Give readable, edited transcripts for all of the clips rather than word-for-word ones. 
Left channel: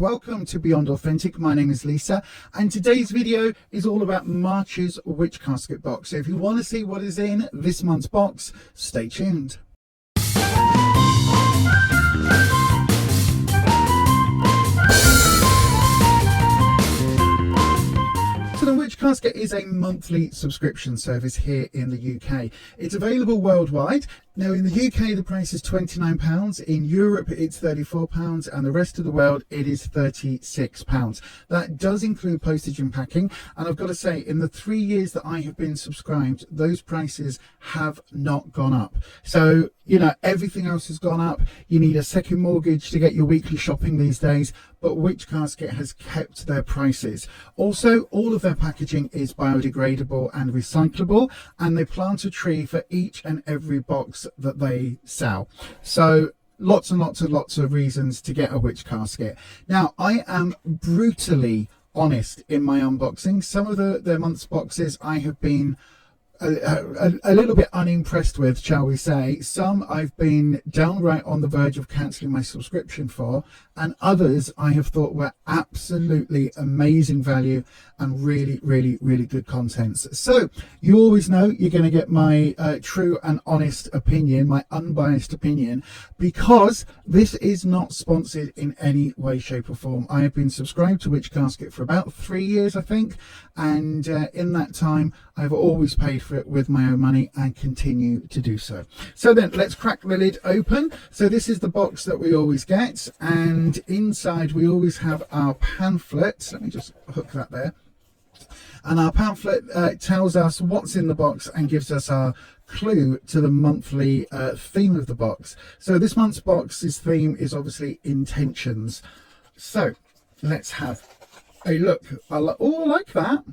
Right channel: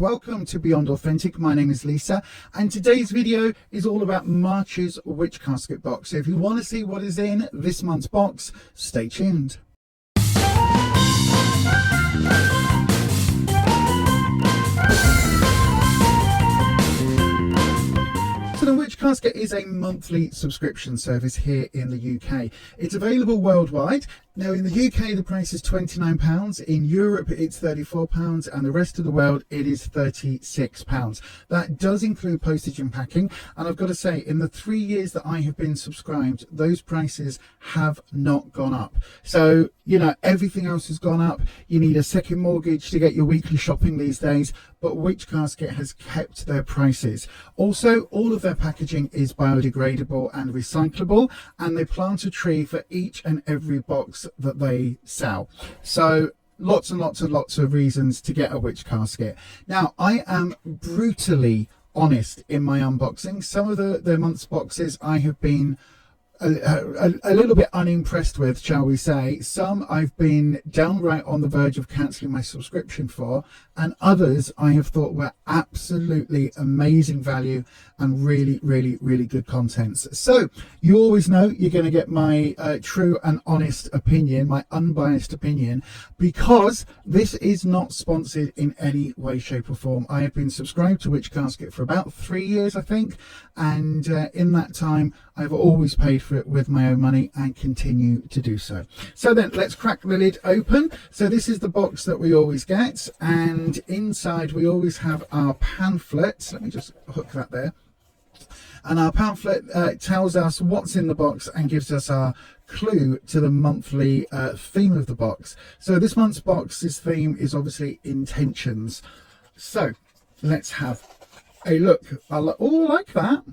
Welcome to Beyond Authentic. My name is Lisa, and today's video is all about March's Witch Casket box. So if you want to see what is in this month's box, stay tuned. So the Witch Casket is a monthly subscription service here in the UK. It's available worldwide. Now in the UK the price is £29, in Europe it's £34, and the rest of the world it is £36. That does include postage and packing, and I've got to say, in the 3 years that I have been subscribed, those prices have not gone up. So, you know, everything else has gone up. You need a second mortgage to get your weekly shopping these days, but Witch Casket has kept their prices. Also, all of their packaging is biodegradable and recyclable, and they plant a tree for each and every box that they sell. So lots and lots of reasons to get a Witch Casket. Now, I am brutally honest in my unboxing. Some of the month's boxes I have been a little bit unimpressed with, shall we say. Some I've been downright on the verge of cancelling my subscription for, and others I have thought were absolutely amazing value and really good contents. So you always know you're going to get my true and honest opinion, my unbiased opinion, because this is not sponsored in any way, shape or form. I have been subscribed to Witch Casket for about 3 years, I think, and in that time I've always paid for it with my own money and continue to do so. So then let's crack the lid open. So this is the box that we always get, and inside we always have our pamphlet. Let me just hook that there. And our pamphlet tells us what's in the box and gives us our clue to the monthly theme of the box. So this month's box's theme is obviously intentions. So let's have a look. I like that.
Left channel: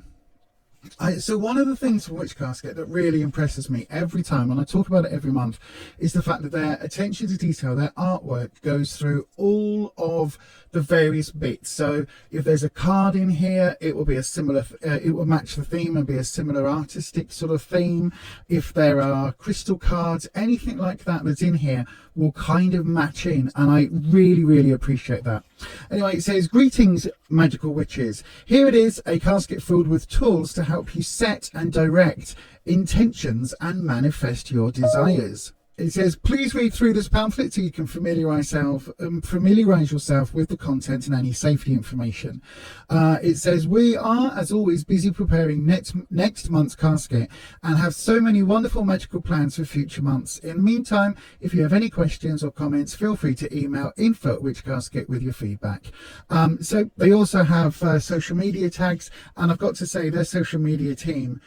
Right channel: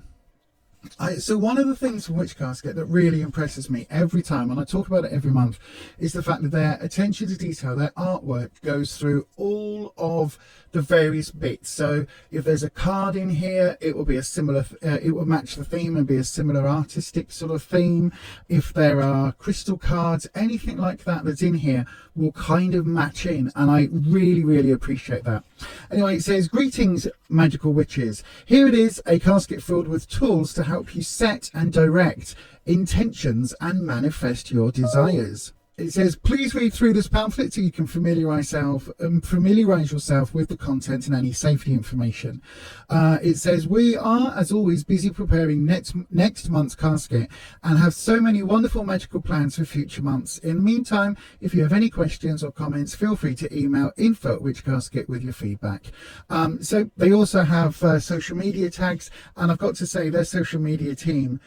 So one of the things from Witch Casket that really impresses me every time, and I talk about it every month, is the fact that their attention to detail, their artwork goes through all of the various bits. So if there's a card in here, it will be a similar, it will match the theme and be a similar artistic sort of theme. If there are crystal cards, anything like that that's in here will kind of match in, and I really appreciate that. Anyway, it says, greetings magical witches. Here it is, a casket filled with tools to help you set and direct intentions and manifest your desires. It says, please read through this pamphlet so you can familiarise yourself with the content and any safety information. It says, we are, as always, busy preparing next month's casket and have so many wonderful magical plans for future months. In the meantime, if you have any questions or comments, feel free to email info@witchcasket with your feedback. So they also have social media tags, and I've got to say their social media team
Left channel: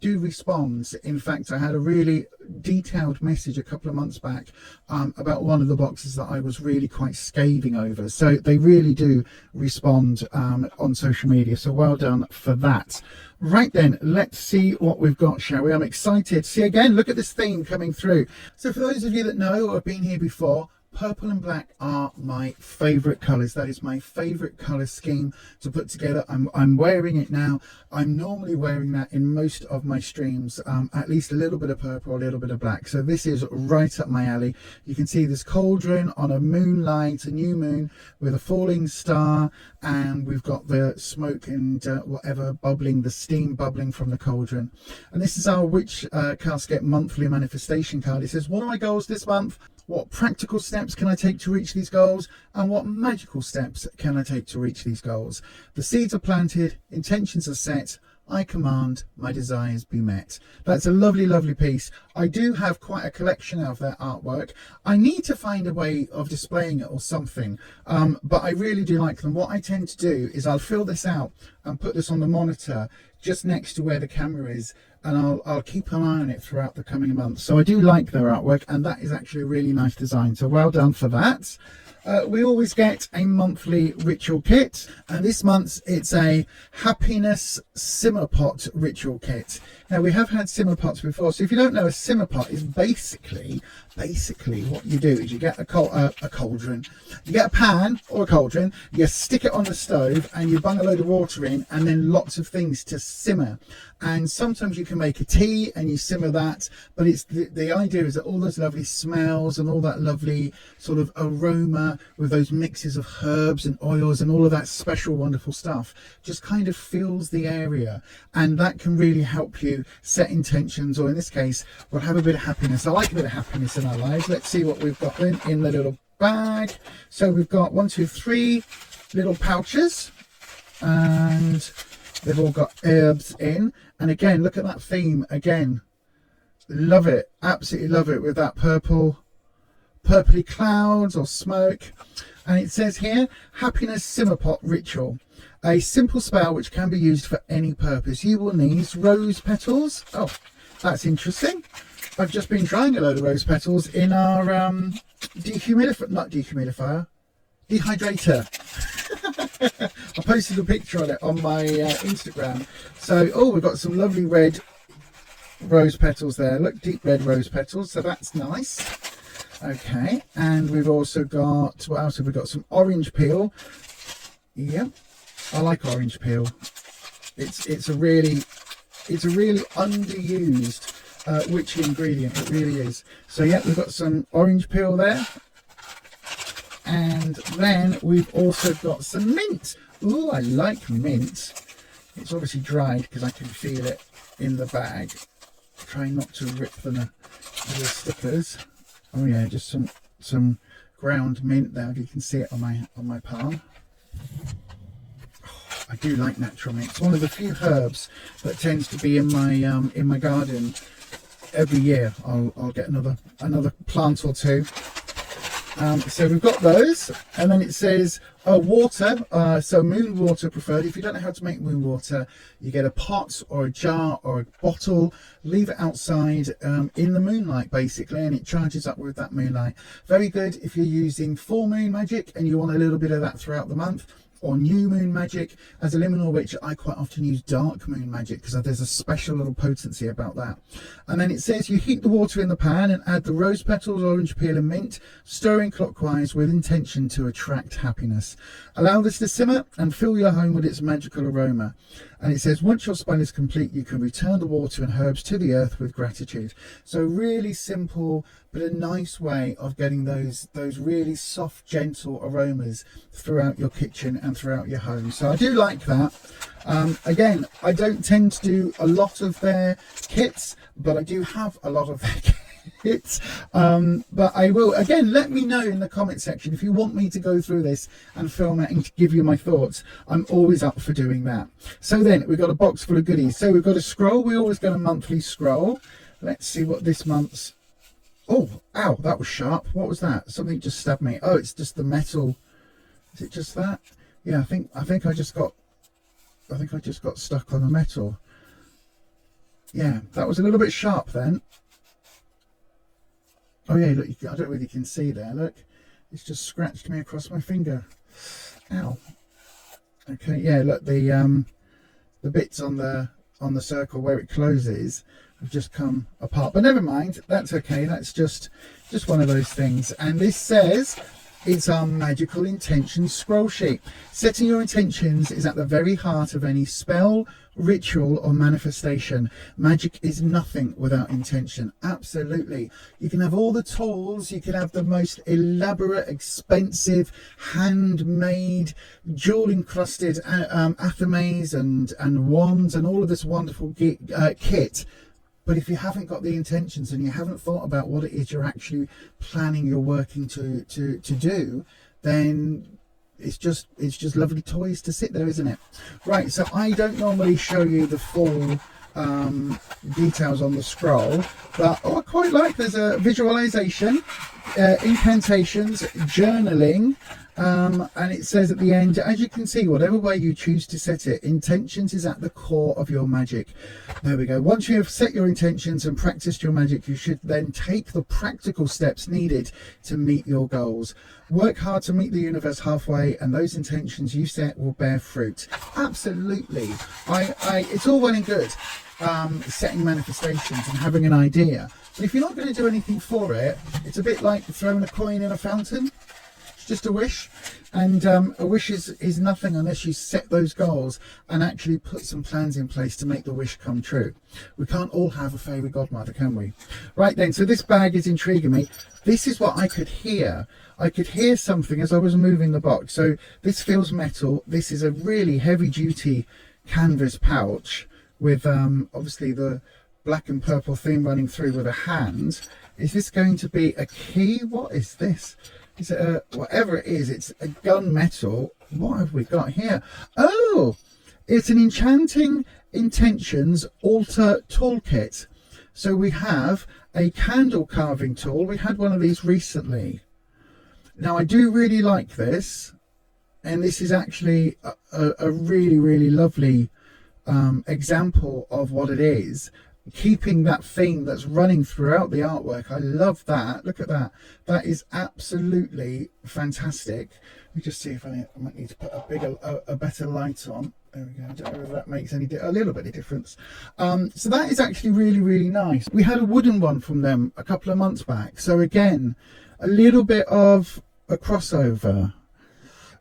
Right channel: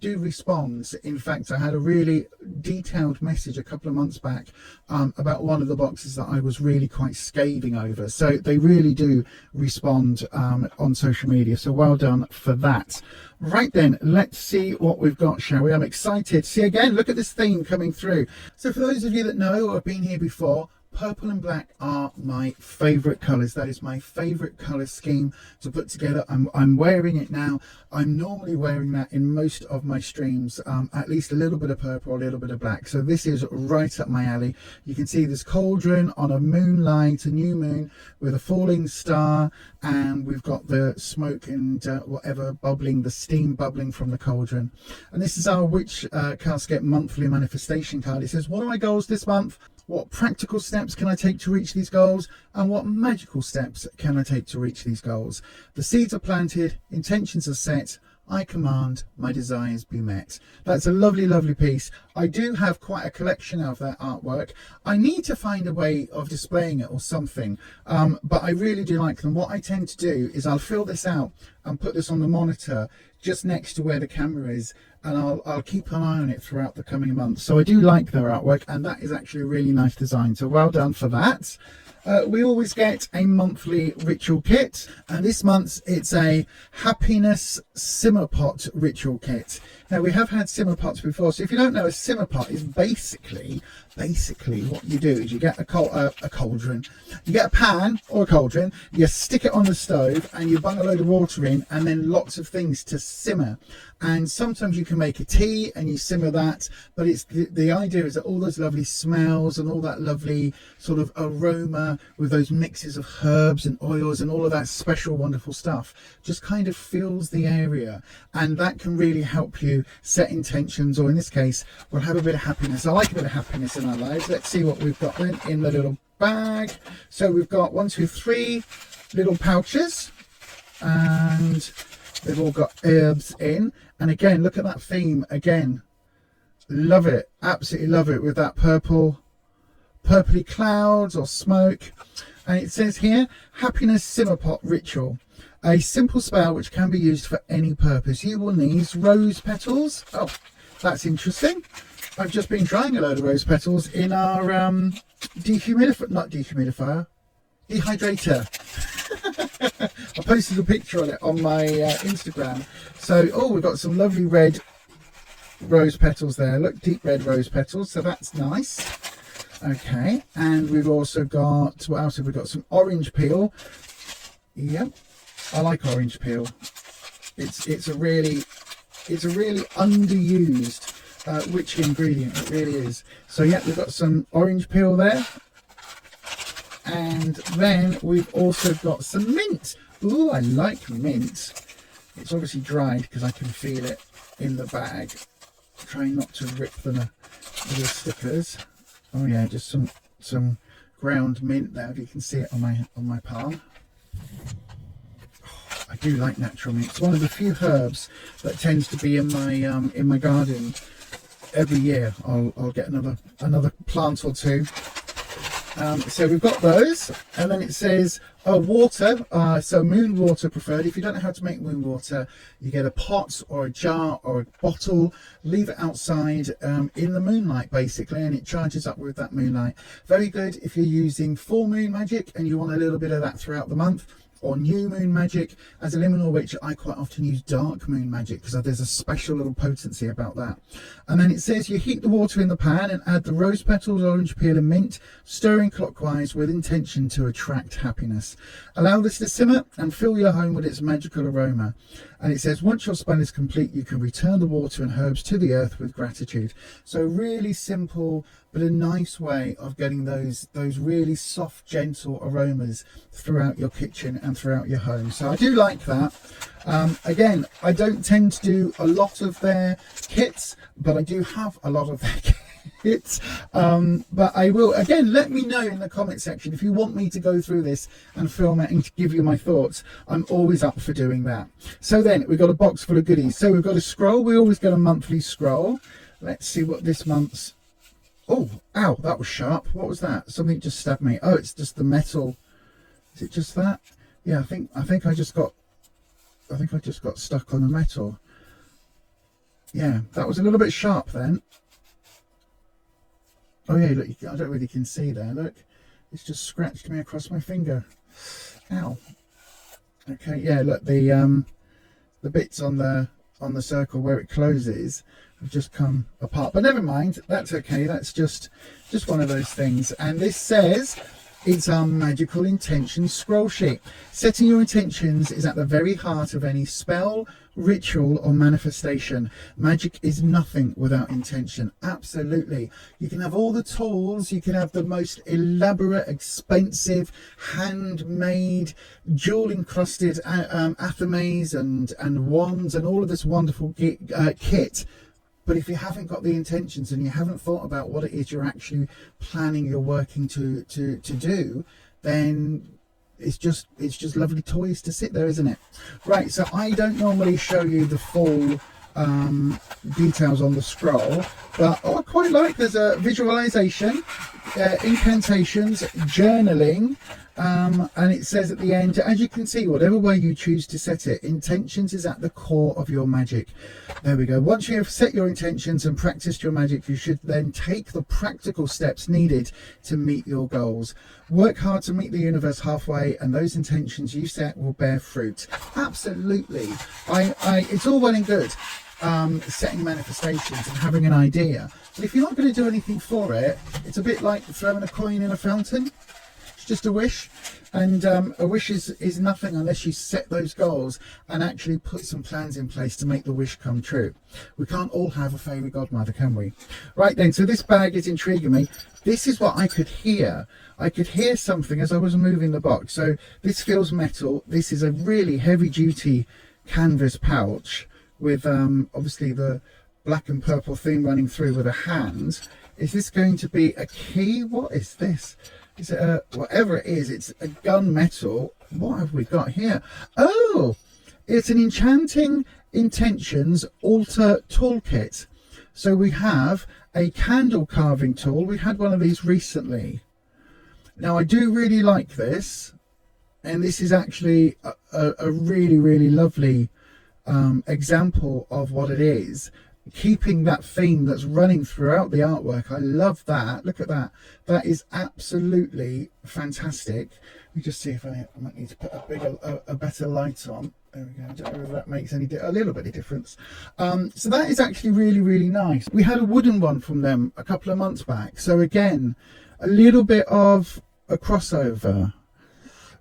do respond. In fact, I had a really detailed message a couple of months back about one of the boxes that I was really quite scathing over. So they really do respond on social media. So well done for that. Right then, let's see what we've got, shall we? I'm excited. See, again, look at this theme coming through. So for those of you that know or have been here before, purple and black are my favorite colors. That is my favorite color scheme to put together. I'm wearing it now. I'm normally wearing that in most of my streams, at least a little bit of purple, a little bit of black. So this is right up my alley. You can see this cauldron on a moonlight, a new moon with a falling star, and we've got the smoke and whatever bubbling, the steam bubbling from the cauldron. And this is our Witch Casket monthly manifestation card. It says, what are my goals this month? What practical steps can I take to reach these goals? And what magical steps can I take to reach these goals? The seeds are planted, intentions are set, I command my desires be met. That's a lovely piece. I do have quite a collection of their artwork. I need to find a way of displaying it or something, but I really do like them. What I tend to do is I'll fill this out and put this on the monitor just next to where the camera is, and I'll keep an eye on it throughout the coming months. So I do like their artwork, and that is actually a really nice design. So well done for that. We always get a monthly ritual kit, and this month it's a happiness simmer pot ritual kit. Now, we have had simmer pots before, so if you don't know, a simmer pot is basically what you do is you get a cauldron, you get a pan or a cauldron, you stick it on the stove and you bung a load of water in, and then lots of things to simmer. And sometimes you can make a tea and you simmer that, but it's the idea is that all those lovely smells and all that lovely sort of aroma with those mixes of herbs and oils and all of that special wonderful stuff just kind of fills the area, and that can really help you set intentions, or in this case we'll have a bit of happiness. I like a bit of happiness in our lives. Let's see what we've got in the little bag. So we've got 1, 2, 3 little pouches, and they've all got herbs in. And again, look at that theme again. Love it, absolutely love it, with that purpley clouds or smoke. And it says here, happiness simmer pot ritual, a simple spell which can be used for any purpose. You will need rose petals. Oh, that's interesting. I've just been drying a load of rose petals in our dehydrator. I posted a picture on it on my Instagram. So, oh, we've got some lovely red rose petals there. Look, deep red rose petals. So that's nice. Okay, and we've also got, what else have we got? Some orange peel. Yep, I like orange peel. It's a really underused witch ingredient. It really is. So yeah, we've got some orange peel there. And then we've also got some mint. Ooh, I like mint. It's obviously dried because I can feel it in the bag. Try not to rip the stickers. Oh yeah, just some ground mint there. If you can see it on my palm. Oh, I do like natural mint. It's one of the few herbs that tends to be in my garden every year. I'll get another plant or two. So we've got those, and then it says water, so moon water preferred. If you don't know how to make moon water, you get a pot or a jar or a bottle, leave it outside in the moonlight basically, and it charges up with that moonlight. Very good if you're using full moon magic and you want a little bit of that throughout the month, or new moon magic. As a liminal witch, I quite often use dark moon magic because there's a special little potency about that. And then it says you heat the water in the pan and add the rose petals, orange peel and mint, stirring clockwise with intention to attract happiness. Allow this to simmer and fill your home with its magical aroma. And it says once your spell is complete, you can return the water and herbs to the earth with gratitude. So really simple, but a nice way of getting those really soft, gentle aromas throughout your kitchen and throughout your home. So I do like that. Again, I don't tend to do a lot of their kits, but I do have a lot of their kits. But I will, again, let me know in the comment section if you want me to go through this and film it and give you my thoughts. I'm always up for doing that. So then we've got a box full of goodies. So we've got a scroll. We always get a monthly scroll. Let's see what this month's. Oh, ow, that was sharp. What was that? Something just stabbed me. Oh, it's just the metal. Is it just that? Yeah, I think I just got stuck on the metal. Yeah, that was a little bit sharp then. Oh yeah, look, I don't know whether you can see there. Look, it's just scratched me across my finger. Ow. Okay, yeah, look, the bits on the circle where it closes have just come apart, but never mind, that's okay. That's just one of those things. And this says it's our magical intentions scroll sheet. Setting your intentions is at the very heart of any spell, ritual or manifestation. Magic is nothing without intention. Absolutely. You can have all the tools, you can have the most elaborate, expensive, handmade, jewel encrusted athames and wands and all of this wonderful kit. But if you haven't got the intentions and you haven't thought about what it is you're actually planning, you're working to do, then it's just lovely toys to sit there, isn't it? Right, so I don't normally show you the full details on the scroll, but I quite like, there's a visualization, incantations, journaling, And it says at the end, as you can see, whatever way you choose to set it, intentions is at the core of your magic. There we go. Once you have set your intentions and practiced your magic, you should then take the practical steps needed to meet your goals. Work hard to meet the universe halfway, and those intentions you set will bear fruit. Absolutely. It's all well and good setting manifestations and having an idea, but if you're not going to do anything for it, it's a bit like throwing a coin in a fountain. It's just a wish, and a wish is nothing unless you set those goals and actually put some plans in place to make the wish come true. We can't all have a fairy godmother, can we? Right then, so this bag is intriguing me. This is what I could hear. I could hear something as I was moving the box. So this feels metal. This is a really heavy duty canvas pouch with obviously the black and purple theme running through with a hand. Is this going to be a key? What is this? Is it whatever it is? It's a gunmetal. What have we got here? Oh, it's an Enchanting Intentions Altar Toolkit. So we have a candle carving tool. We had one of these recently. Now I do really like this, and this is actually a really, really lovely example of what it is, keeping that theme that's running throughout the artwork. I love that. Look at that. That is absolutely fantastic. Let me just see if I might need to put a better light on. There we go. I don't know if that makes a little bit of difference. So that is actually really, really nice. We had a wooden one from them a couple of months back, so again a little bit of a crossover.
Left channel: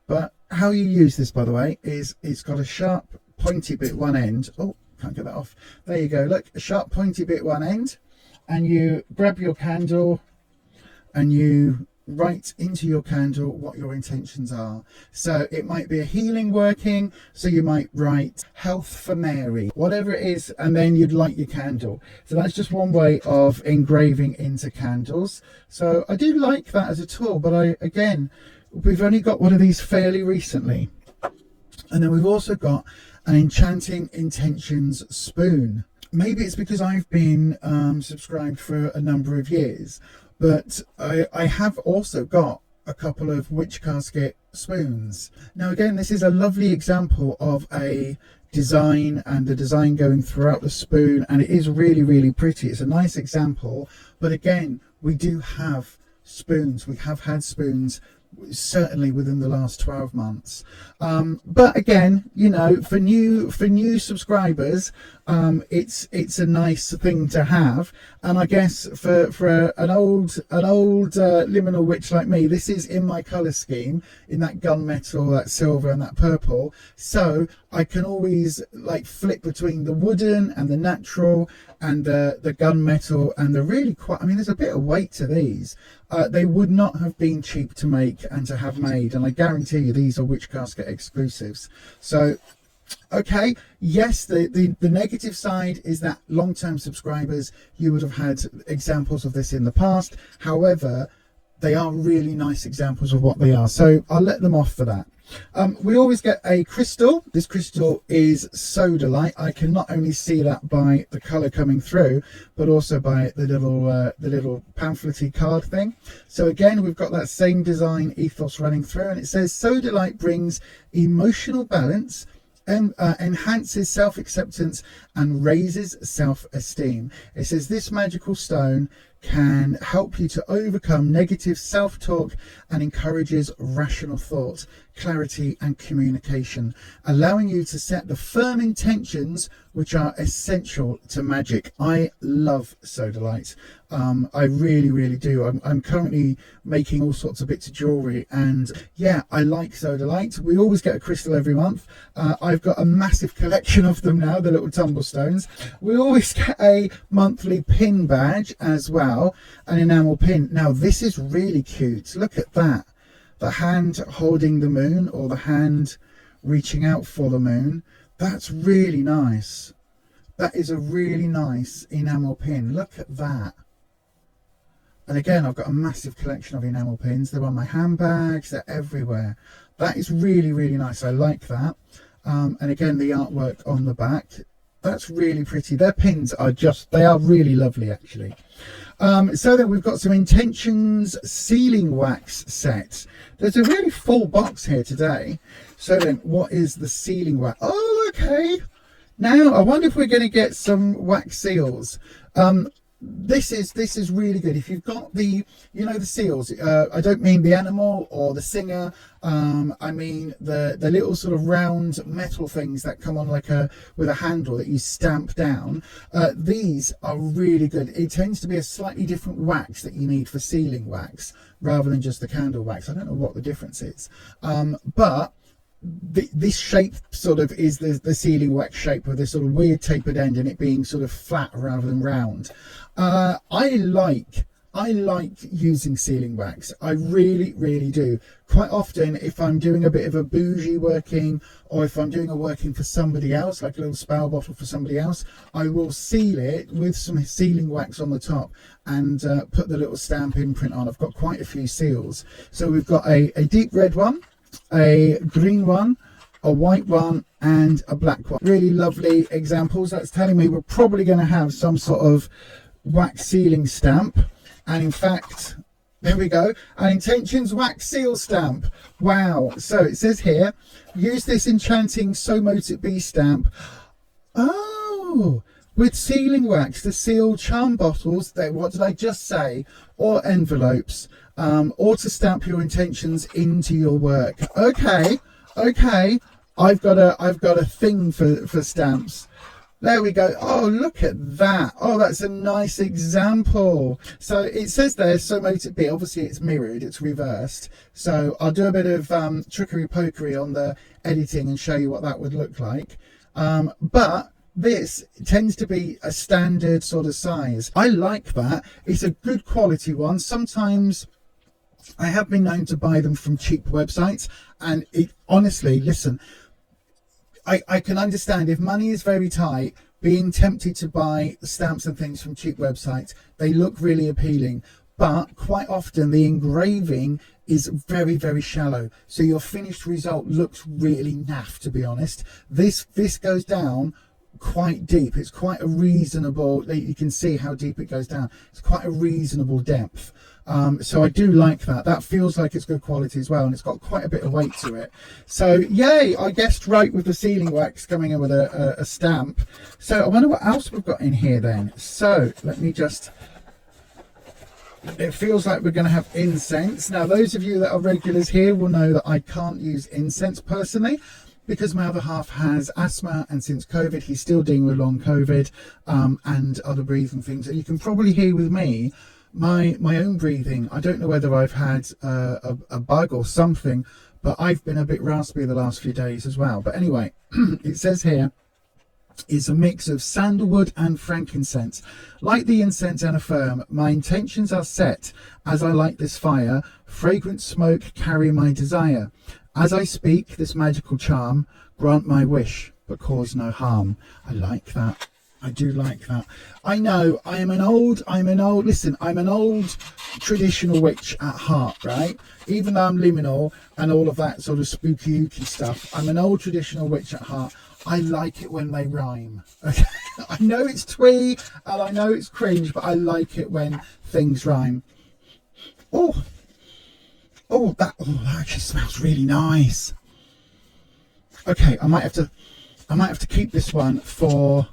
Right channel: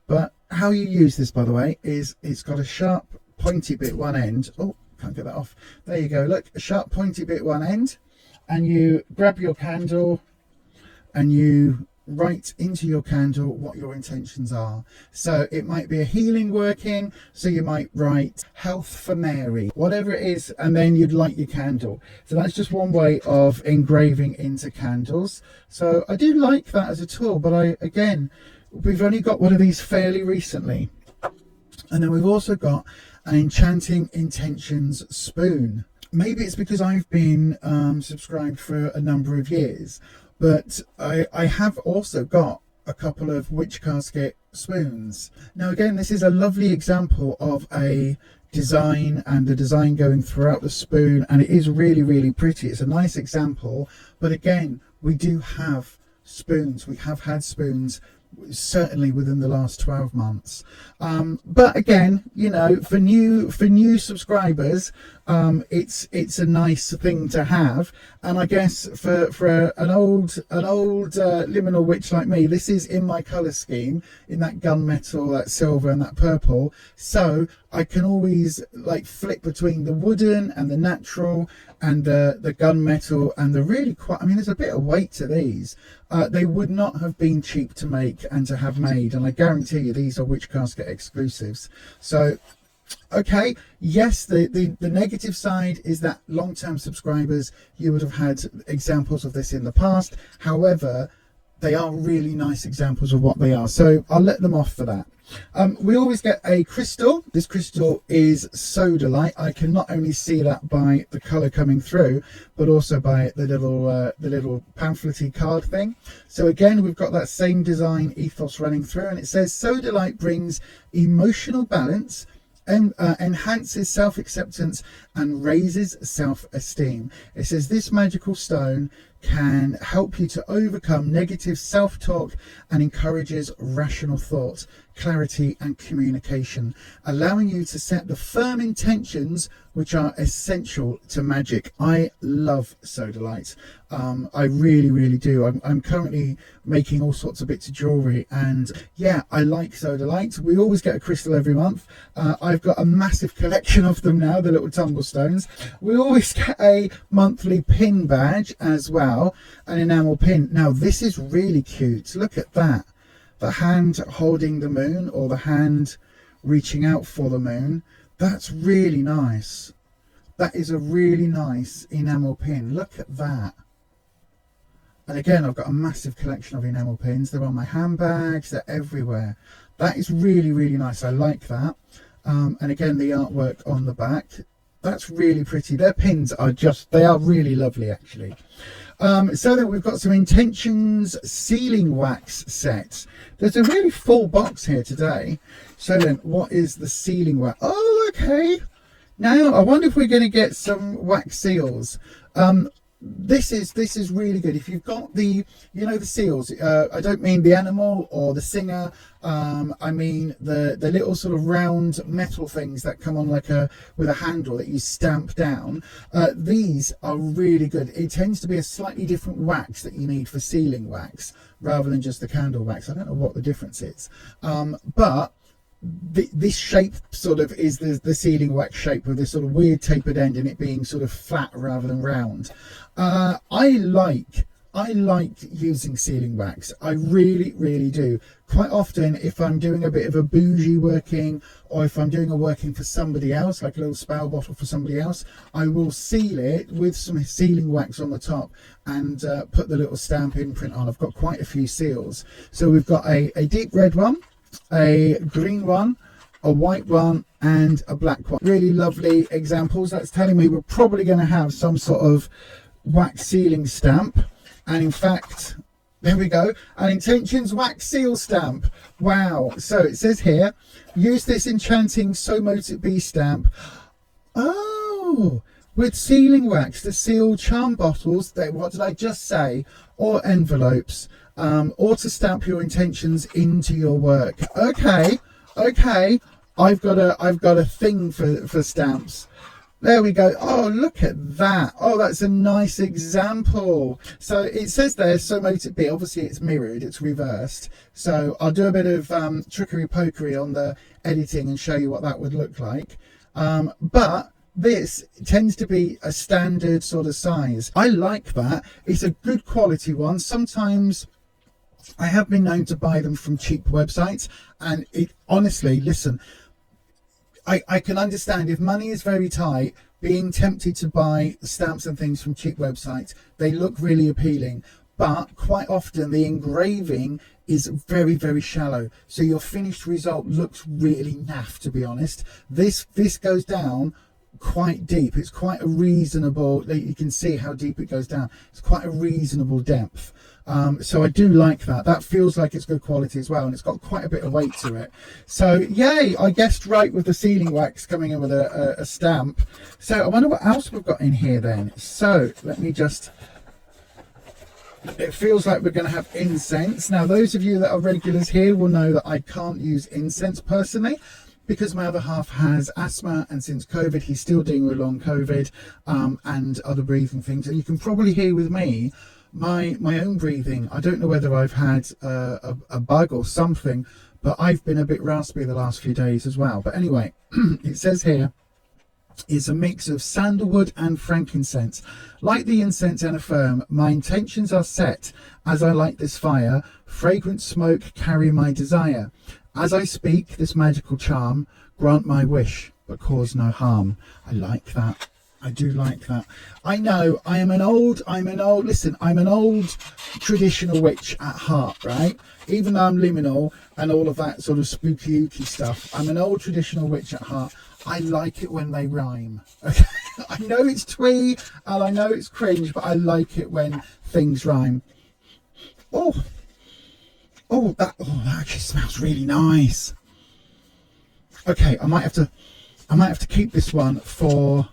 But how you use this, by the way, is it's got a sharp pointy bit one end. Oh, can't get that off. There you go. Look, a sharp pointy bit one end, and you grab your candle and you write into your candle what your intentions are. So it might be a healing working, so you might write health for Mary, whatever it is, and then you'd light your candle. So that's just one way of engraving into candles. So I do like that as a tool, but again, we've only got one of these fairly recently. And then we've also got an Enchanting Intentions spoon. Maybe it's because I've been subscribed for a number of years, but I have also got a couple of Witch Casket spoons. Now again, this is a lovely example of a design, and the design going throughout the spoon, and it is really, really pretty. It's a nice example, but again, we do have spoons. We have had spoons certainly within the last 12 months, but again, you know, for new subscribers, it's a nice thing to have. And I guess for an old liminal witch like me, this is in my color scheme, in that gunmetal, that silver and that purple, so I can always like flip between the wooden and the natural and the gunmetal and the really quite, I mean, there's a bit of weight to these. They would not have been cheap to make and to have made, and I guarantee you these are Witch Casket exclusives. So okay, yes, the negative side is that long-term subscribers, you would have had examples of this in the past. However, they are really nice examples of what they are, so I'll let them off for that. We always get a crystal. This crystal is sodalite. I can not only see that by the colour coming through, but also by the little pamphletty card thing. So again, we've got that same design ethos running through, and it says sodalite brings emotional balance, enhances self-acceptance and raises self-esteem. It says this magical stone can help you to overcome negative self-talk and encourages rational thought, clarity and communication, allowing you to set the firm intentions which are essential to magic. I love sodalite. I really, really do. I'm currently making all sorts of bits of jewellery, and yeah, I like sodalite. We always get a crystal every month. I've got a massive collection of them now, the little tumble stones. We always get a monthly pin badge as well, an enamel pin. Now this is really cute. Look at that. The hand holding the moon, or the hand reaching out for the moon. That's really nice. That is a really nice enamel pin. Look at that. And again, I've got a massive collection of enamel pins. They're on my handbags, they're everywhere. That is really, really nice. I like that. And again, the artwork on the back, that's really pretty. Their pins are they are really lovely, actually. So then we've got some intentions sealing wax set. There's a really full box here today. So then, what is the sealing wax? Oh, okay. Now I wonder if we're going to get some wax seals. This is really good. If you've got the, you know, the seals, I don't mean the animal or the singer, I mean the little sort of round metal things that come on like with a handle that you stamp down. These are really good. It tends to be a slightly different wax that you need for sealing wax rather than just the candle wax. I don't know what the difference is, but this shape sort of is the sealing wax shape with this sort of weird tapered end and it being sort of flat rather than round. I like using sealing wax. I really do. Quite often, if I'm doing a bit of a bougie working, or if I'm doing a working for somebody else, like a little spell bottle for somebody else, I will seal it with some sealing wax on the top and put the little stamp imprint on. I've got quite a few seals. So we've got a deep red one, a green one, a white one, and a black one. Really lovely examples. That's telling me we're probably going to have some sort of wax sealing stamp. And in fact, there we go, an intentions wax seal stamp. Wow. So it says here, use this enchanting So Mote It Be stamp. Oh, with sealing wax to seal charm bottles, what did I just say, or envelopes, or to stamp your intentions into your work. Okay, I've got a thing for stamps. There we go. Oh, look at that. Oh, that's a nice example. So it says there, So Mote It Be. Obviously, it's mirrored, it's reversed. So I'll do a bit of trickery-pokery on the editing and show you what that would look like. But this tends to be a standard sort of size. I like that. It's a good quality one. Sometimes I have been known to buy them from cheap websites, and it honestly, listen, I can understand if money is very tight, being tempted to buy stamps and things from cheap websites. They look really appealing, but quite often the engraving is very shallow, so your finished result looks really naff, to be honest. This goes down quite deep. It's quite a reasonable, you can see how deep it goes down. It's quite a reasonable depth. So I do like that. That feels like it's good quality as well, and it's got quite a bit of weight to it. So yay, I guessed right with the sealing wax coming in with a stamp. So I wonder what else we've got in here then. So let me just, it feels like we're going to have incense. Now those of you that are regulars here will know that I can't use incense personally, because my other half has asthma, and since COVID he's still dealing with long COVID and other breathing things, and you can probably hear with me my own breathing. I don't know whether I've had a bug or something, but I've been a bit raspy the last few days as well. But anyway, it says here it's a mix of sandalwood and frankincense. Like the incense and affirm, my intentions are set as I light this fire. Fragrant smoke carry my desire. As I speak this magical charm, grant my wish but cause no harm. I like that. I do like that. I know I'm an old traditional witch at heart, right? Even though I'm liminal and all of that sort of spooky stuff, I'm an old traditional witch at heart. I like it when they rhyme. Okay? I know it's twee and I know it's cringe, but I like it when things rhyme. That actually smells really nice. Okay, I might have to keep this one for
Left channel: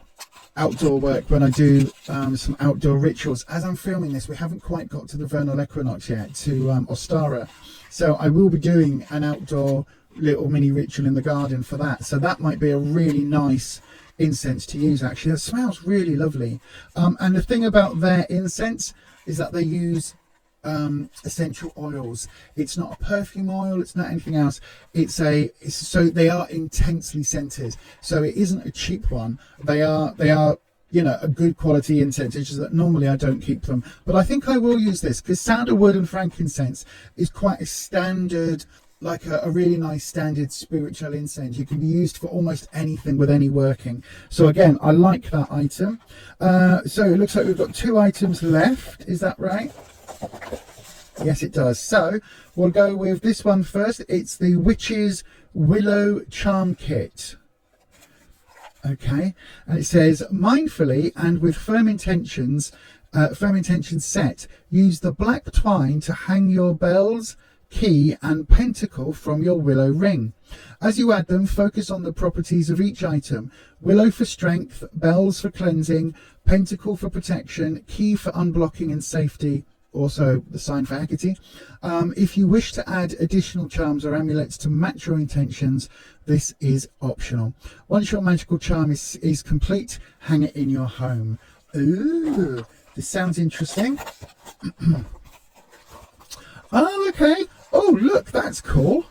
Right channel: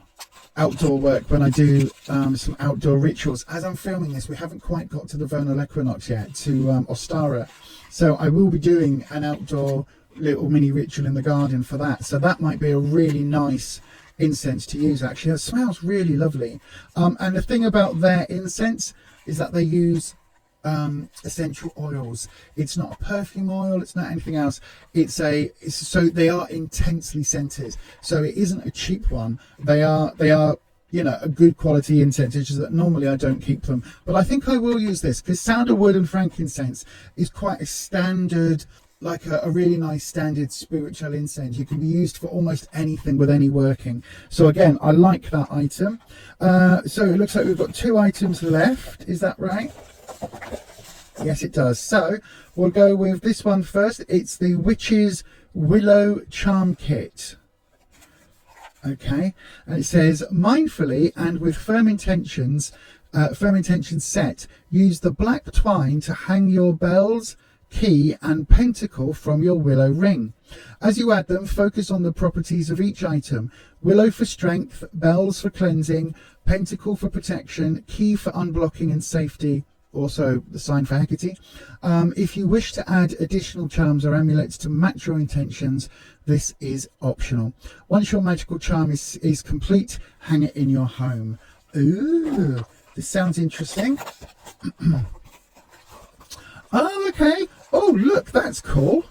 outdoor work when I do some outdoor rituals. As I'm filming this, we haven't quite got to the vernal equinox yet, to Ostara, so I will be doing an outdoor little mini ritual in the garden for that. So that might be a really nice incense to use. Actually, it smells really lovely. And the thing about their incense is that they use essential oils. It's not a perfume oil, it's not anything else. So they are intensely scented, so it isn't a cheap one. They are you know, a good quality incense. It's just that normally I don't keep them, but I think I will use this because sandalwood and frankincense is quite a standard, like a really nice standard spiritual incense. You can be used for almost anything with any working. So again, I like that item. So it looks like we've got 2 items left, is that right? Yes, it does. So we'll go with this one first. It's the Witch's Willow Charm Kit. Okay, and it says, mindfully and with firm intentions, Firm intention set. Use the black twine to hang your bells, key and pentacle from your willow ring. As you add them, focus on the properties of each item. Willow for strength, bells for cleansing, pentacle for protection, key for unblocking and safety, also the sign for Hecate. If you wish to add additional charms or amulets to match your intentions, this is optional. Once your magical charm is complete, hang it in your home. Ooh, this sounds interesting. Oh, okay. Oh, look, that's cool.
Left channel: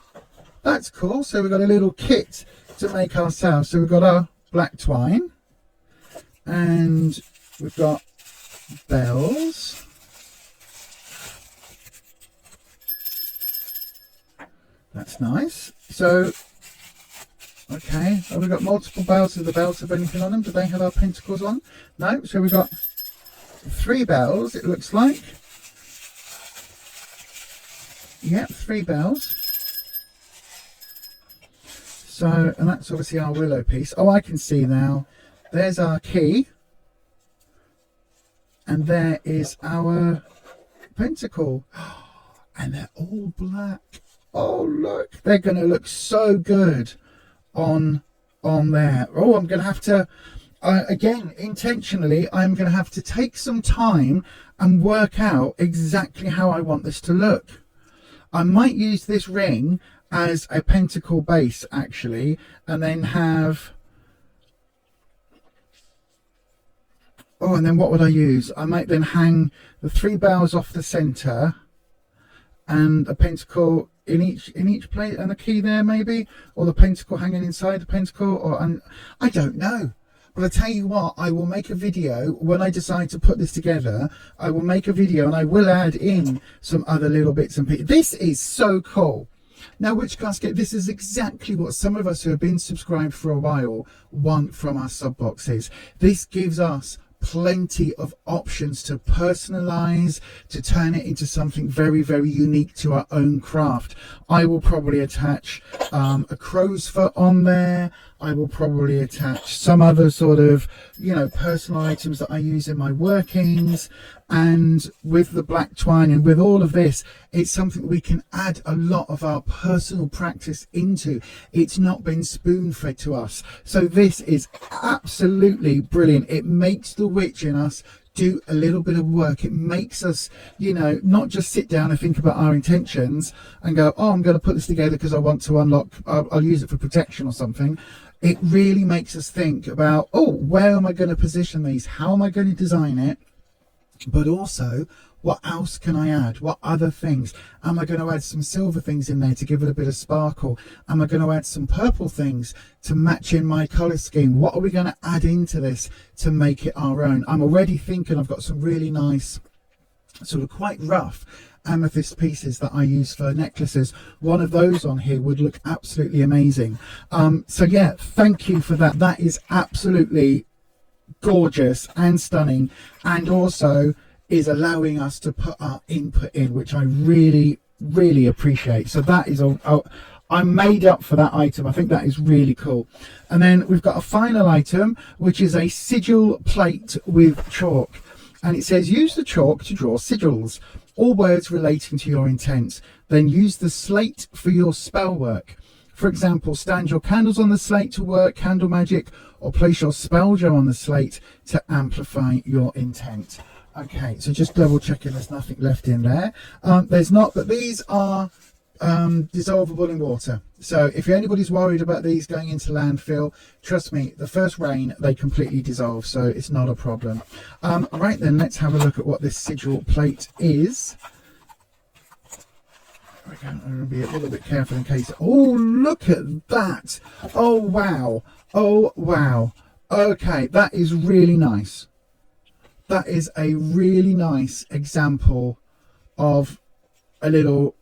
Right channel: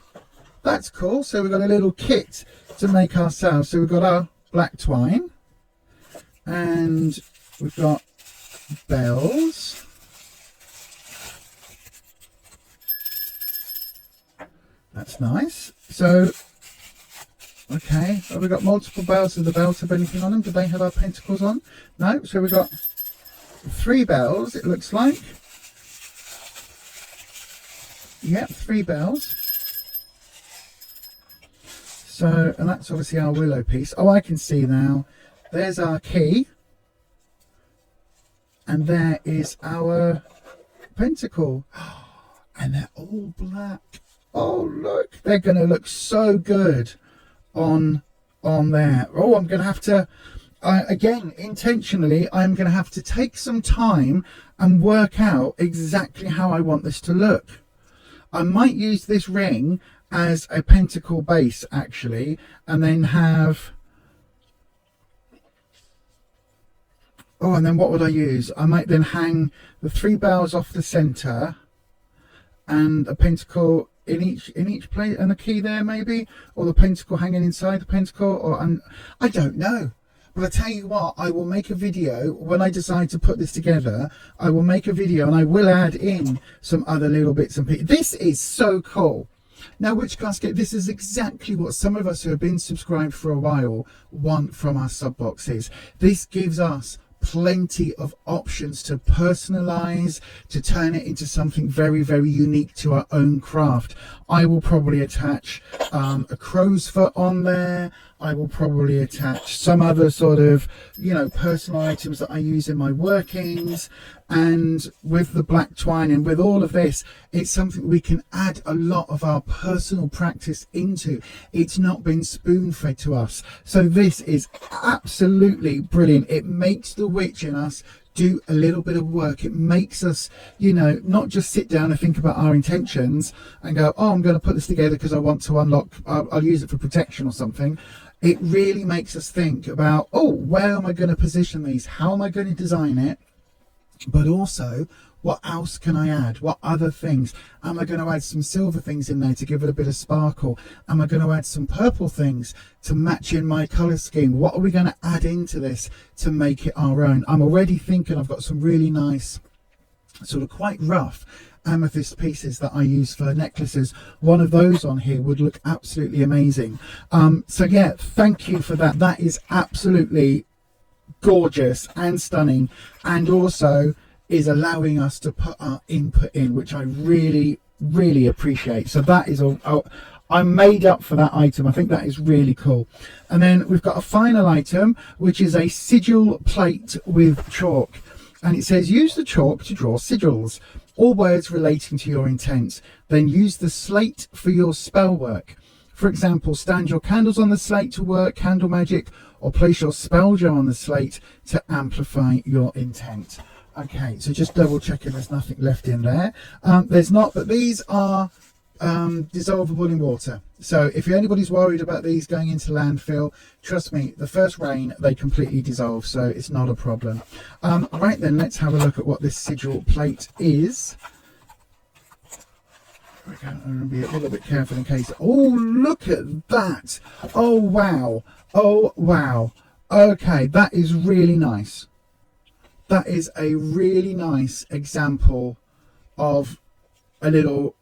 That's cool. So we've got a little kit to make ourselves. So we've got our black twine and we've got bells. That's nice. So, okay, have we got multiple bells? Do the bells have anything on them? Do they have our pentacles on? No. So we've got 3 bells, it looks like. Yep, 3 bells. So, and that's obviously our willow piece. Oh, I can see now. There's our key. And there is our pentacle. And they're all black. Oh, look. They're going to look so good on there. Oh, I'm going to have to, again, intentionally, I'm going to have to take some time and work out exactly how I want this to look. I might use this ring as a pentacle base, actually, and then have... Oh, and then what would I use? I might then hang the 3 bells off the centre and a pentacle in each plate and a key there, maybe, or the pentacle hanging inside the pentacle, or I don't know. But I tell you what, I will make a video when I decide to put this together. I will make a video and I will add in some other little bits and pieces. This is so cool. Now, Witch Casket, this is exactly what some of us who have been subscribed for a while want from our sub boxes. This gives us plenty of options to personalize, to turn it into something very, very unique to our own craft. I will probably attach a crow's foot on there. I will probably attach some other sort of, you know, personal items that I use in my workings. And with the black twine and with all of this, it's something we can add a lot of our personal practice into. It's not been spoon-fed to us. So this is absolutely brilliant. It makes the witch in us do a little bit of work. It makes us, you know, not just sit down and think about our intentions and go, oh, I'm going to put this together because I want to unlock, I'll use it for protection or something. It really makes us think about, oh, where am I going to position these? How am I going to design it? But also, what else can I add? What other things? Am I going to add some silver things in there to give it a bit of sparkle? Am I going to add some purple things to match in my colour scheme? What are we going to add into this to make it our own? I'm already thinking I've got some really nice, sort of quite rough amethyst pieces that I use for necklaces. One of those on here would look absolutely amazing. So yeah, thank you for that. That is absolutely gorgeous and stunning, and also is allowing us to put our input in, which I really, really appreciate. So that is all. I'm made up for that item. I think that is really cool. And then we've got a final item, which is a sigil plate with chalk. And it says, use the chalk to draw sigils, all words relating to your intent. Then use the slate for your spell work. For example, stand your candles on the slate to work candle magic, or place your spell jar on the slate to amplify your intent. Okay, so just double checking there's nothing left in there. There's not, but these are dissolvable in water. So if anybody's worried about these going into landfill, trust me, the first rain, they completely dissolve, so it's not a problem. Right then, let's have a look at what this sigil plate is. I'm going to be a little bit careful in case... Oh, look at that! Oh, wow! Oh, wow! Okay, that is really nice. That is a really nice example of a little...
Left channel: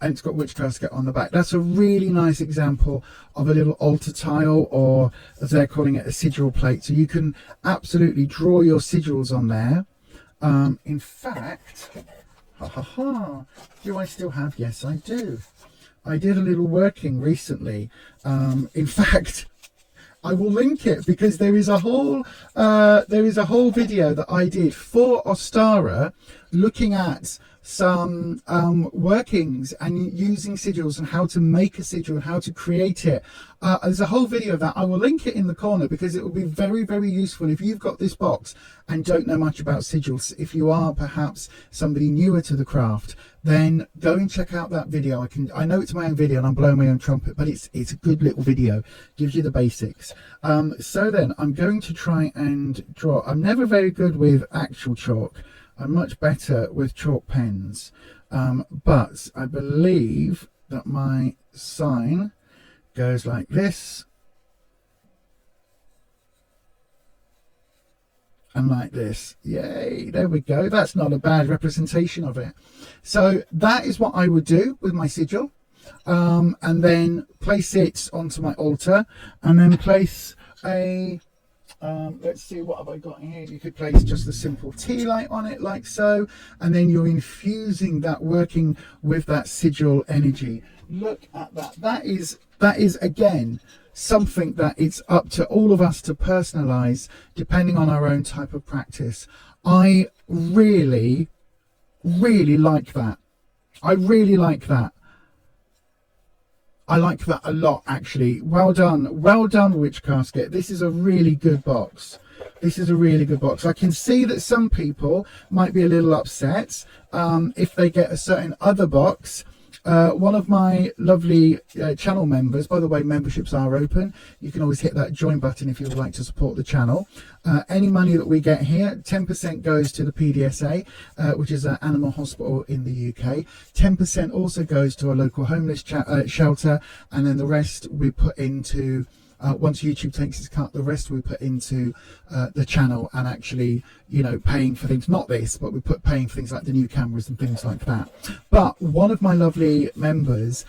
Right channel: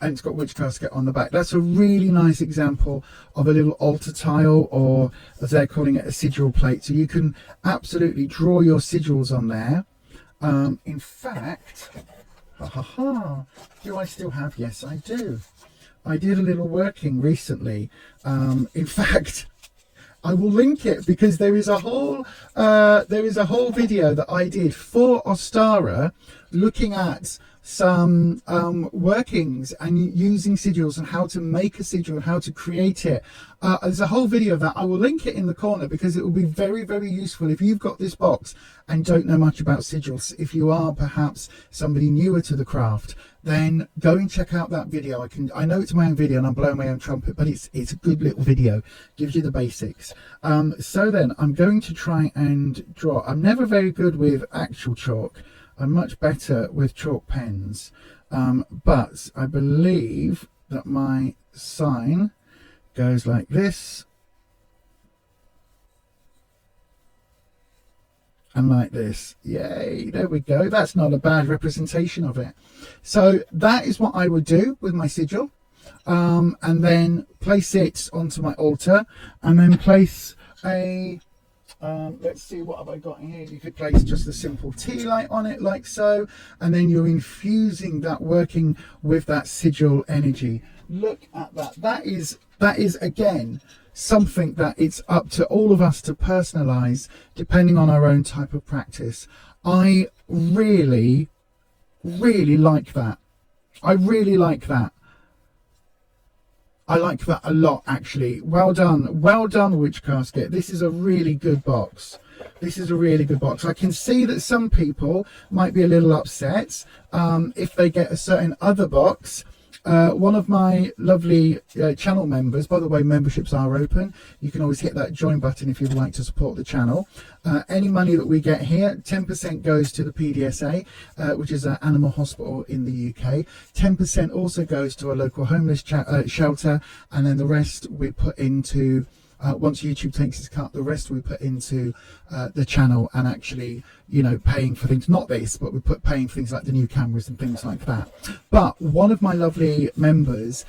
And it's got Witch Casket on the back. That's a really nice example of a little altar tile, or as they're calling it, a sigil plate. So you can absolutely draw your sigils on there. In fact... Do I still have? Yes, I do. I did a little working recently. In fact, I will link it, because there is a whole video that I did for Ostara looking at some workings and using sigils and how to make a sigil and how to create it. There's a whole video of that. I will link it in the corner, because it will be very, very useful if you've got this box and don't know much about sigils. If you are perhaps somebody newer to the craft, then go and check out that video. I know it's my own video and I'm blowing my own trumpet, but it's a good little video. Gives you the basics. So then I'm going to try and draw. I'm never very good with actual chalk. I'm much better with chalk pens, but I believe that my sign goes like this and like this. Yay, there we go. That's not a bad representation of it. So that is what I would do with my sigil, and then place it onto my altar, and then place a let's see, what have I got here? You could place just a simple tea light on it like so, and then you're infusing that, working with that sigil energy. Look at that. That is again something that it's up to all of us to personalize depending on our own type of practice. I really like that. I really like that. I like that a lot, actually. Well done, Witch Casket. This is a really good box. This is a really good box. I can see that some people might be a little upset if they get a certain other box. One of my lovely channel members, by the way, memberships are open. You can always hit that join button if you would like to support the channel. Any money that we get here, 10% goes to the PDSA, which is an animal hospital in the UK. 10% also goes to a local homeless shelter, and then the rest we put into, once YouTube takes its cut, the rest we put into the channel, and actually, you know, paying for things, not this, but we put paying for things like the new cameras and things like that. But one of my lovely members,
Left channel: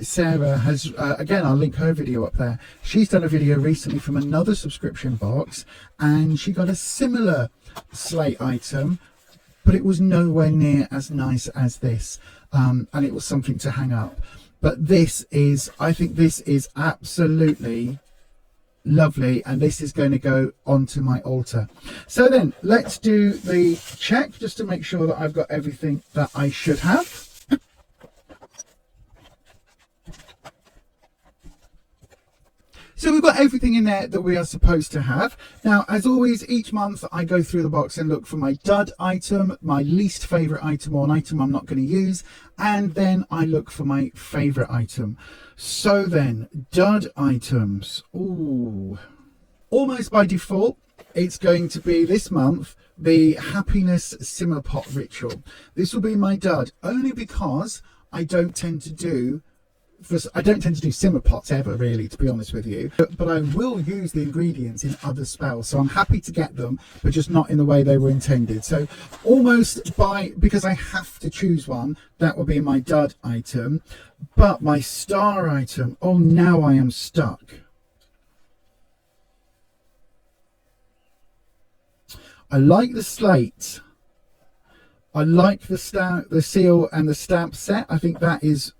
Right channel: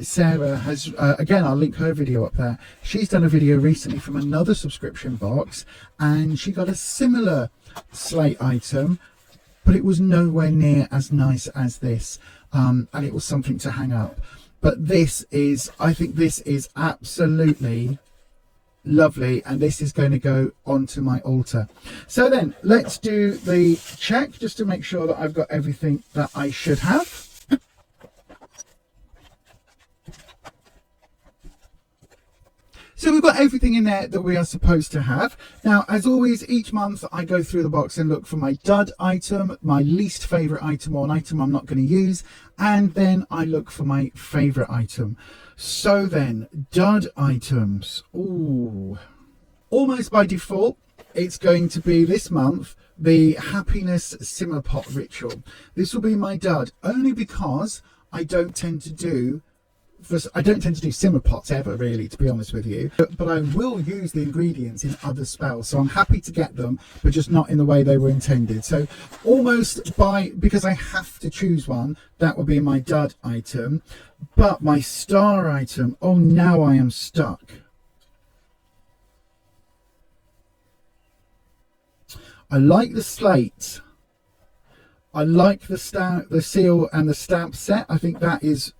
Sarah, has, again, I'll link her video up there. She's done a video recently from another subscription box, and she got a similar slate item, but it was nowhere near as nice as this, and it was something to hang up. But this is, I think this is absolutely lovely, and this is going to go onto my altar. So then let's do the check just to make sure that I've got everything that I should have. So we've got everything in there that we are supposed to have. Now, as always, each month I go through the box and look for my dud item, my least favourite item, or an item I'm not going to use, and then I look for my favourite item. So then, dud items. Ooh. Almost by default, it's going to be this month the Happiness Simmer Pot Ritual. This will be my dud, only because I don't tend to do simmer pots ever, really, to be honest with you, but I will use the ingredients in other spells, so I'm happy to get them, but just not in the way they were intended. So almost because I have to choose one, that will be my dud item. But my star item, oh, now I am stuck. I like the slate, I like the seal and the stamp set. I think that's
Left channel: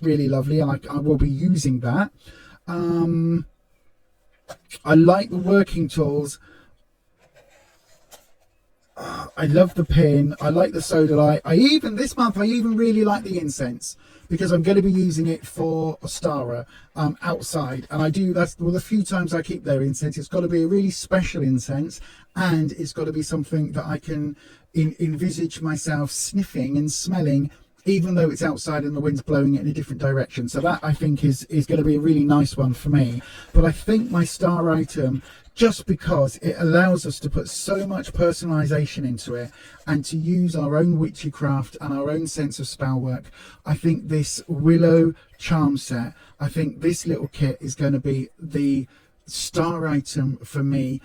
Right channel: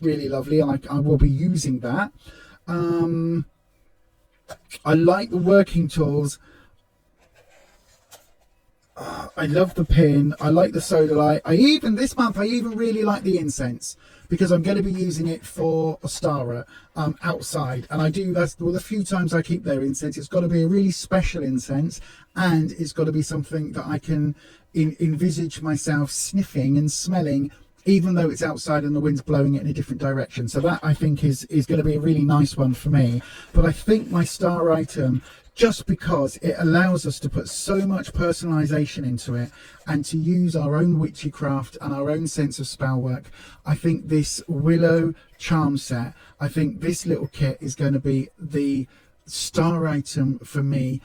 really lovely. I will be using that. I like the working tools. I love the pin. I like the soda light. This month I even really like the incense, because I'm going to be using it for Ostara outside, and that's the few times I keep their incense. It's got to be a really special incense, and it's got to be something that I can envisage myself sniffing and smelling, even though it's outside and the wind's blowing it in a different direction. So that, I think, is going to be a really nice one for me. But I think my star item, just because it allows us to put so much personalization into it and to use our own witchcraft and our own sense of spell work, I think this Willow charm set, I think this little kit is going to be the star item for me.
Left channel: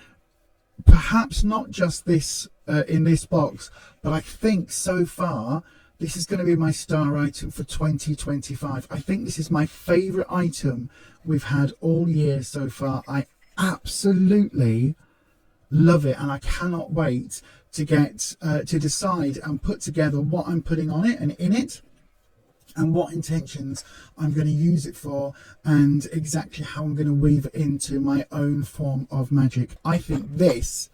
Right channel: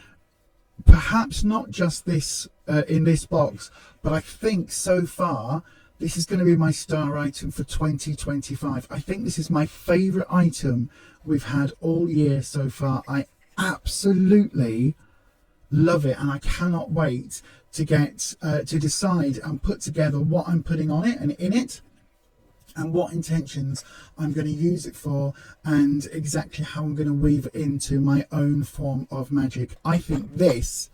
Perhaps not just this in this box, but I think so far this is going to be my star item for 2025. I think this is my favourite item we've had all year so far. I absolutely love it, and I cannot wait to get to decide and put together what I'm putting on it and in it. and what intentions I'm going to use it for, and exactly how I'm going to weave it into my own form of magic. I think this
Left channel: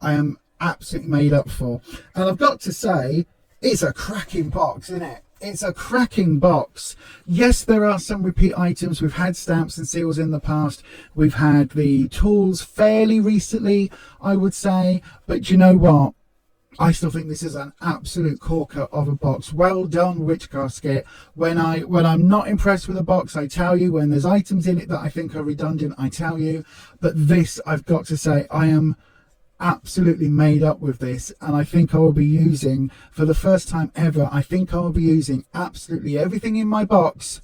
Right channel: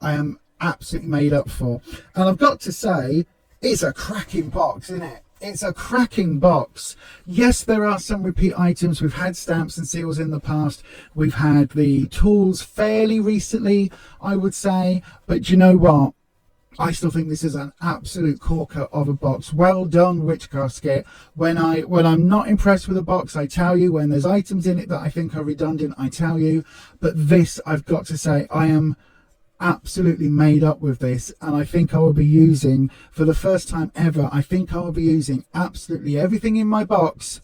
I am absolutely made up for. And I've got to say, it's a cracking box, isn't it? It's a cracking box. Yes, there are some repeat items. We've had stamps and seals in the past. We've had the tools fairly recently, I would say. But you know what? I still think this is an absolute corker of a box. Well done, Witch Casket. When I'm not impressed with a box, I tell you. When there's items in it that I think are redundant, I tell you. But this, I've got to say, I am absolutely made up with this, and I think I will be using, for the first time ever, I think I will be using absolutely everything in my box,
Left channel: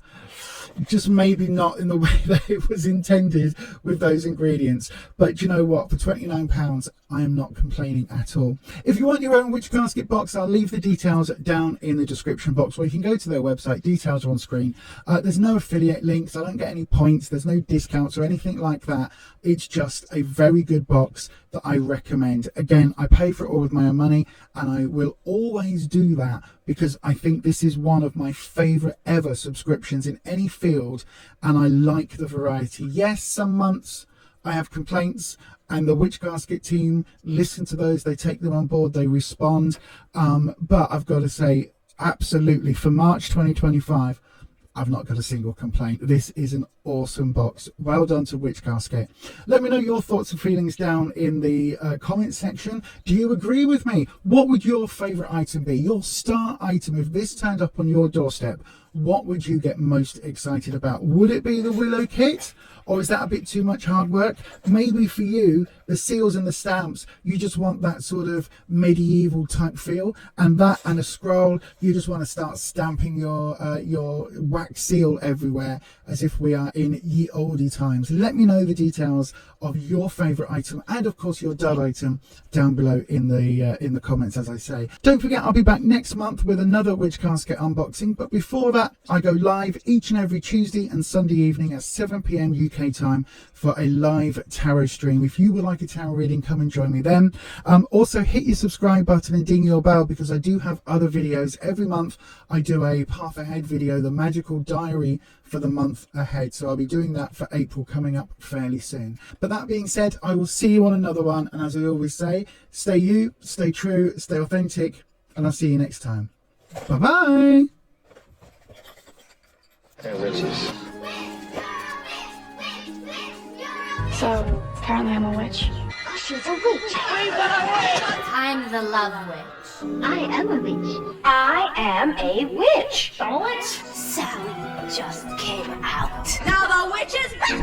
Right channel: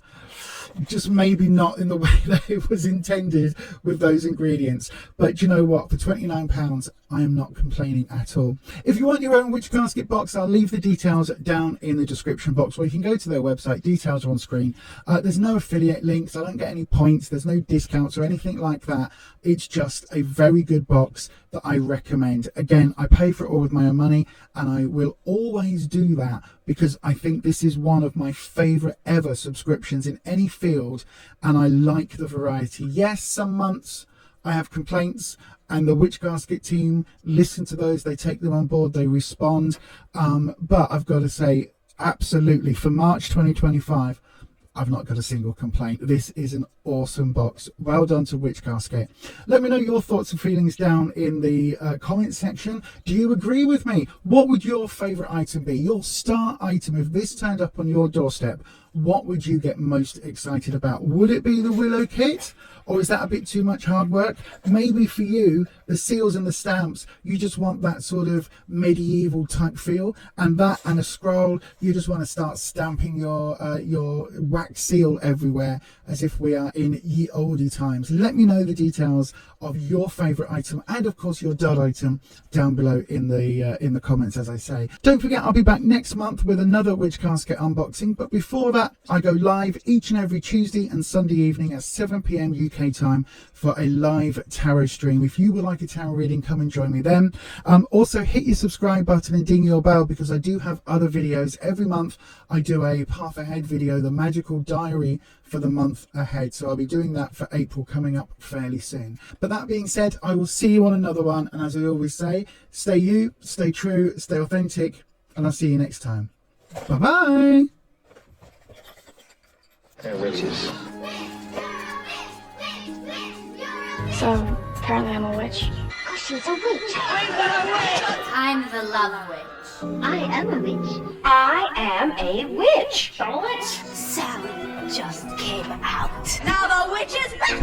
just maybe not in the way that it was intended with those ingredients. But you know what, for £29 I am not complaining at all. If you want your own Witch Casket box, I'll leave the details down in the description box, where you can go to their website. Details are on screen. There's no affiliate links, I don't get any points, there's no discounts or anything like that. It's just a very good box that I recommend. Again, I pay for it all with my own money, and I will always do that, because I think this is one of my favorite ever subscriptions in any field, and I like the variety. Yes, some months I have complaints, and the Witch Casket team listen to those, they take them on board, they respond, but I've got to say, absolutely, for March 2025, I've not got a single complaint. This is an awesome box. Well done to Witch Casket. Let me know your thoughts and feelings down in the comments section. Do you agree with me? What would your favourite item be? Your star item, if this turned up on your doorstep, what would you get most excited about? Would it be the Willow kit? Or is that a bit too much hard work? Maybe for you, the seals and the stamps, you just want that sort of medieval type feel, and that and a scroll, you just want to start stamping your wax seal everywhere as if we are in ye olde times. Let me know the details of your favourite item, and of course your dud item, down below in the comments, as I say. Don't forget, I'll be back next month with another Witch Casket unboxing, but before that, I go live each and every Tuesday and Sunday evening at 7 PM UK time for a live tarot stream. If you would like a tarot reading, come and join me then. Also, hit your subscribe button and ding your bell, because I do have other videos. Every month I do a path ahead video, the magical diary for the month ahead, so I'll be doing that for April, coming up fairly soon. But that being said, I will see you on another one, and as I always say, stay you, stay true, stay authentic, and I'll see you next time. Bye bye. They're witches. So, apparently I'm a witch. Oh, she's a witch. I'm the love witch. I am a witch. I am a witch. A witch? Sally just came out. Now the witch is back.